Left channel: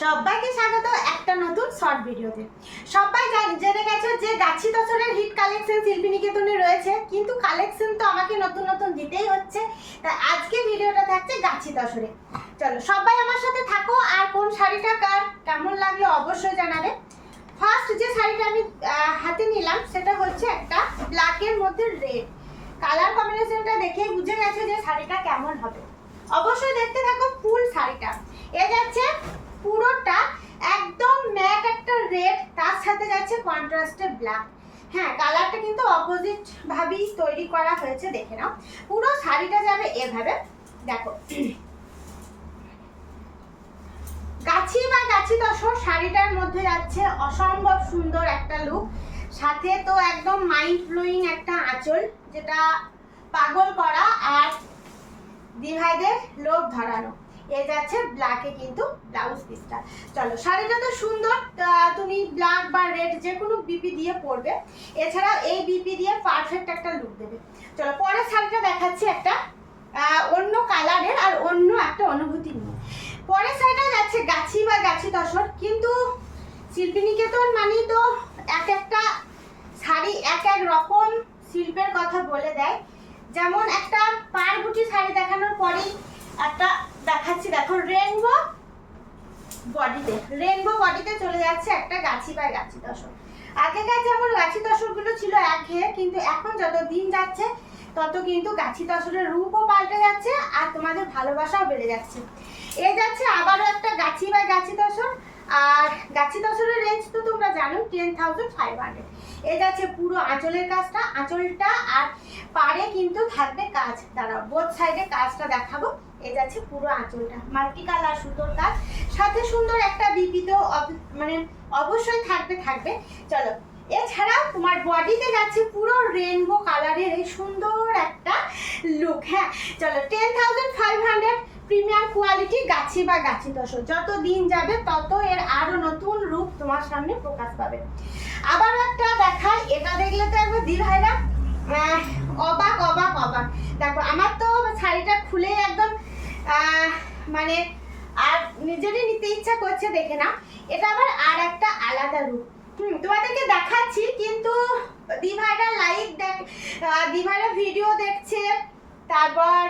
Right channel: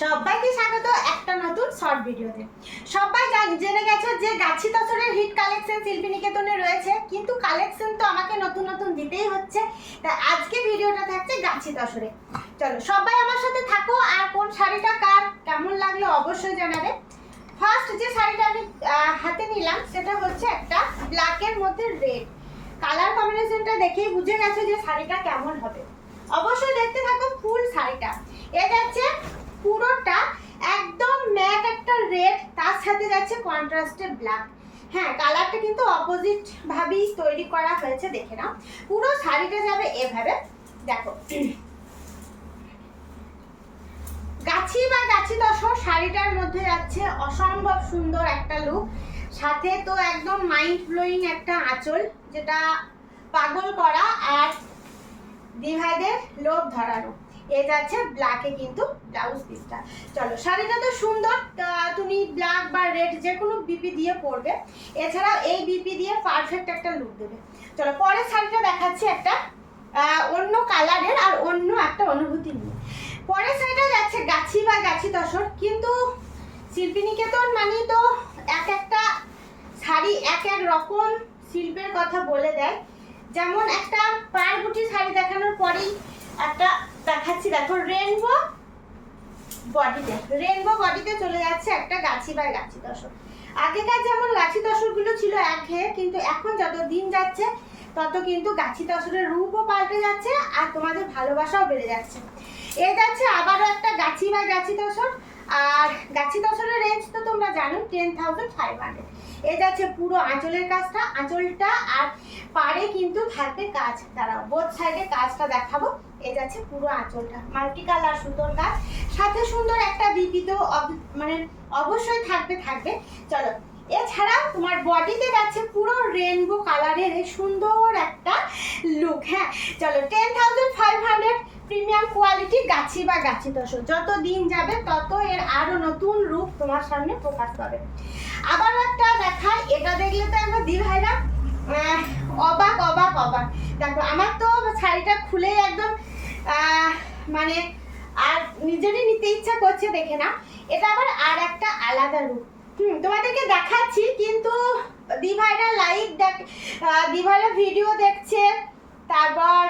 সবাইকে স্বাগত একটা নতুন শর্ট ভিডিওতে। সবাই জেনে গেছো যে গাছি তসরের হিট কালেকশন শিল্পীনিকেতনে রয়েছে, কিন্তু কালেকশন তো আমাকে নতুন নতুন দিতেই হচ্ছে। তা আজকে ভিডিওটা থাকছে গাছি তসরে। চলো সবাই আমার সাথে থাকো, আর কোন শাড়িটা কার কেমন লাগলো অবশ্যই জানাবে। ফার্স্ট যে শাড়িটা আমি হাতে নিলাম সেটা হচ্ছে একটা ব্ল্যাকের মধ্যে রেড কালার কম্বিনেশনটা দেখেই বুঝে গেছো যে শাড়িটা কেমন হবে। অবশ্যই দেখতে থাকো ফুল শাড়িটা। এ যাচ্ছে পুরোটা একদম ম্যাট একটা রেড, তার সাথে যাচ্ছে কন্ট্রাস্টেড ব্ল্যাক। হ্যাঁ, কালারটা কিন্তু অপোজিট ভাবেই তৈরি করা হয়েছে, দেখে নাও। পুরো শাড়িটা যাবে এভাবে, দেখো গাছি বা গাছি তসর শাড়িটার মধ্যে যাচ্ছে অসম্ভব সুন্দর একটা লুক, সাথে তো একদম মাইন্ড ব্লোয়িং একটা আঁচল যেটা পাগল করা আর দিভাইদের লোভ ধরানো। এ যাচ্ছে ব্ল্যাকে কিন্তু ব্লাউজ পিসটা। চলো শাড়িটা তো সুন্দর, তুমি ব্ল্যাক বা রেড যে কোনো বিপি দিয়ে পরবে, এছাড়াও এই বিপি দিয়ে পারফেক্ট একটা লুক দেবে। চলো পরের শাড়িটা দেখাচ্ছি একটা অন্য কালারের আর অন্য একটা অনুভূতি নিয়ে। পরের শাড়িটা যাচ্ছে গাছি বা গাছি তসর, কিন্তু শিল্পীনিকেতন মানেই তো এক একটা শাড়ি এক এক রকম শিল্পের কথা বলে দেয়। যেমন একটা পাড়বুটি শাড়ি দেখানোর পরেই একটা দেখাচ্ছি, দেখো রেনবো বডিতে চলে যাচ্ছে একটা গাছি বা গাছি তসর। আগেকার যেমন গাছি তসরগুলো ছিল একঘেয়ে, কিন্তু এখন যত দিন যাচ্ছে তত কিন্তু গাছি তসরের রূপও পাল্টে যাচ্ছে আর তোমাদের ভালোবাসাও বেড়ে যাচ্ছে। এ যাচ্ছে আবারও একটা গাছি বা গাছি তসর, আর গাছি তসরের রেঞ্জ তো তোমরা জানো 10,500। এ যাচ্ছে পুরো আঁচলের কাজটা, আঁচলটা আর পাড়ে কিন্তু থাকবে কাজ। দাঁড়াও বোথ সাইডে কাজটা দেখাবো। এ যাচ্ছে পুরো আঁচলটা মাল্টি কালার সুন্দর কাজ, সাথে সুন্দর একটা বিপি তো মানে অবশ্যই থাকবে। চলো এছাড়াও তোমার বডিতে যাচ্ছে পুরো রেনবো কালারের এই সুন্দর একটা লুক। হ্যাঁ চলো 10,500 প্রিমিয়াম কোয়ালিটি গাছি বা গাছি তসর। যত দিন যাবে তত এর আরো নতুন রূপ তোমার সামনে প্রকাশ পাবে। আবার একটা দেখাই, এটা দেখলে তো একবার দিভাইরা অবাক। দেখো আমার তো শাড়িটা খুলেই একদম মানে আর নিজেরই নিতে ইচ্ছা করছে, দেখে না। এটা আবার আর একটা আলাদা রূপ। তোমাদেরকে দেখাচ্ছি, কিন্তু দিভাইরা দিভাইরা ভিডিও দেখছে, তারপর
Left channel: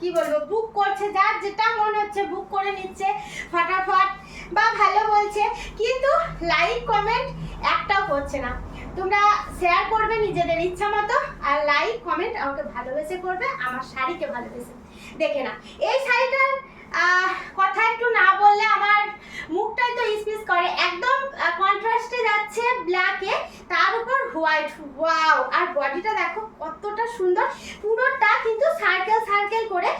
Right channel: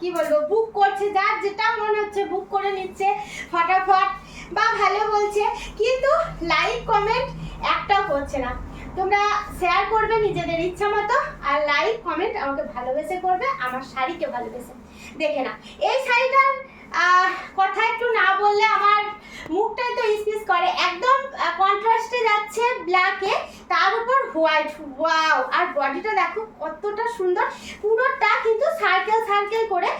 কি বলবো বুক করছে, যার যেটা মনে হচ্ছে বুক করে নিচ্ছে ফটাফট বা ভালো বলছে, কিন্তু লাইক কমেন্ট একটাও করছে না। তোমরা শেয়ার করবে নিজেদের ইচ্ছা মতো, আর লাইক কমেন্ট আমাকে ভালোবেসে করবে, আমার শাড়িকে ভালোবেসে। দেখে না এই শাড়িটার কথা একটু না বললে আমার মুখটাই তো ইসপিস করে। একদম কন্ট্রাস্টে যাচ্ছে ব্ল্যাকে, তার উপর হোয়াইট। ওয়াও! আর বডিটা দেখো কতটা সুন্দর, পুরোটা কিন্তু সার্কেল করে।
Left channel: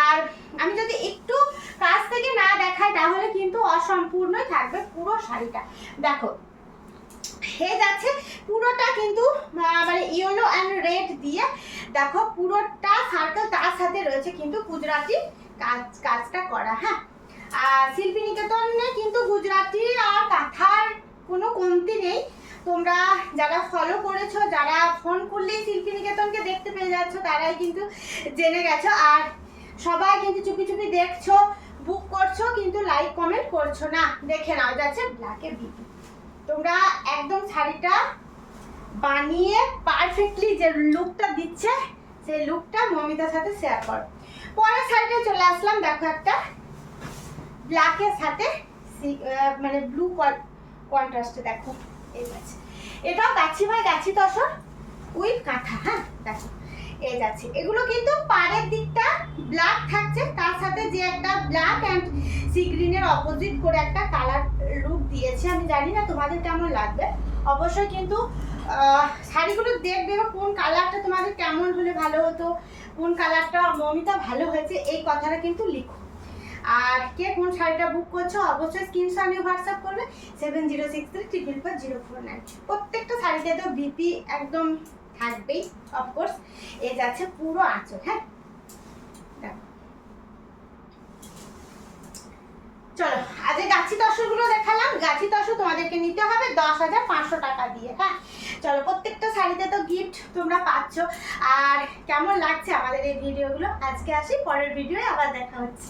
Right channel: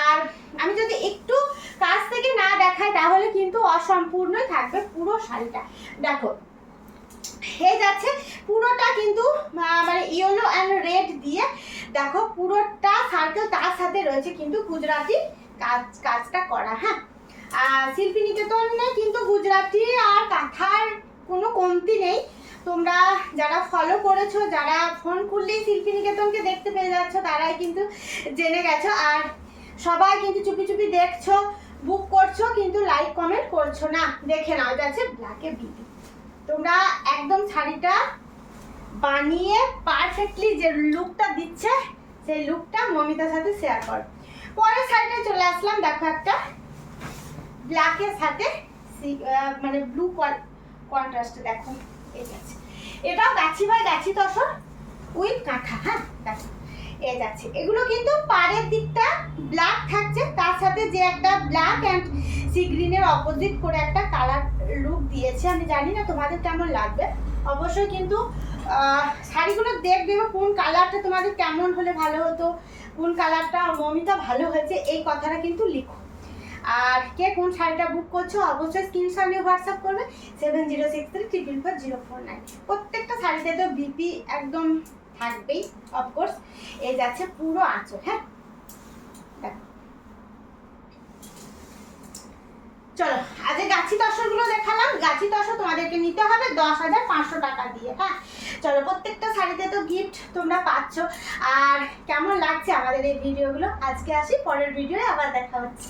আর আমি যদি একটু কাছ থেকে না দেখাই তাহলে কিন্তু অসম্পূর্ণই থাকবে পুরো শাড়িটা। দেখো হয়ে যাচ্ছে পুরোটা কিন্তু মানে ইয়েলো অ্যান্ড রেড দিয়ে, দেখো পুরোটা সার্কেল, তার সাথে রয়েছে কিন্তু গুজরাটি কাজটা করা। হ্যাঁ শিল্পীনিকেতনে কিন্তু গুজরাটি আর কাঁথার কোনো কমতি নেই। তোমরা যারা ফলো করেছো, যারা ফোন খুললেই শিল্পীনিকেতনকে দেখতে পেয়ে যাচ্ছ, তারাই কিন্তু জেনে গেছো। আর সবাই কিন্তু চুপি দেখছো, বুক করছো, কিন্তু লাইক কমেন্ট করছো না। দেখে নাও যাচ্ছে ব্ল্যাকে বিপি। তোমরা একদম শাড়িটা বানিয়ে পারফেক্টলি যে লুকটা দিচ্ছে সেই লুকটা মমিতার সাথে শেয়ার করো। পরের শাড়িটা চলে আসলাম, দেখো একটা ব্ল্যাকের সাথে মানে ব্লু কন্ট্রাস্টে। দেখো এই যাচ্ছে, এটাও গাছি ভাই গাছি তসর উইথ কাঁথা। হ্যাঁ দেখো এই যাচ্ছে, এগুলো কিন্তু পাড়ের দিকটা ব্ল্যাক থাকছে, তার সাথে যে একটা ব্ল্যাক অ্যান্ড সি গ্রিনের অপোজিট করে একটা কালার লুক দিয়েছে। আমি জানি না তোমাদের কেমন লাগবে, অবশ্যই কিন্তু শাড়িগুলো দেখবে কোন কালারটা তোমাদের কেমন হলে ভালো হতো, কোন কালারটা মমিতা ভালো হয়েছে, এই কথাটা কিন্তু লিখো। আর কে কোন শাড়িটা বুক করছো অবশ্যই স্ক্রিনশট নিয়ে হোয়াটসঅ্যাপ করবে 7063444049। প্রত্যেকটা শাড়িতে তো বিপি একদম থাকবেই অফকোর্স। এই যাচ্ছে পুরো আঁচল। হ্যাঁ দেখো চলো আজ গাছি তসরগুলো দেখালাম। গাছি তসর তোমাদেরকে নিতে হবে 10,500 টাকা দিয়ে। হ্যাঁ চলো প্রত্যেকটা শাড়িতে তো গিফট তোমরা পাচ্ছ। আর কেমন লাগছে আমাদের এই ভিডিওগুলো, আজকে আসি, পরের ভিডিওয়ে আবার দেখা হচ্ছে।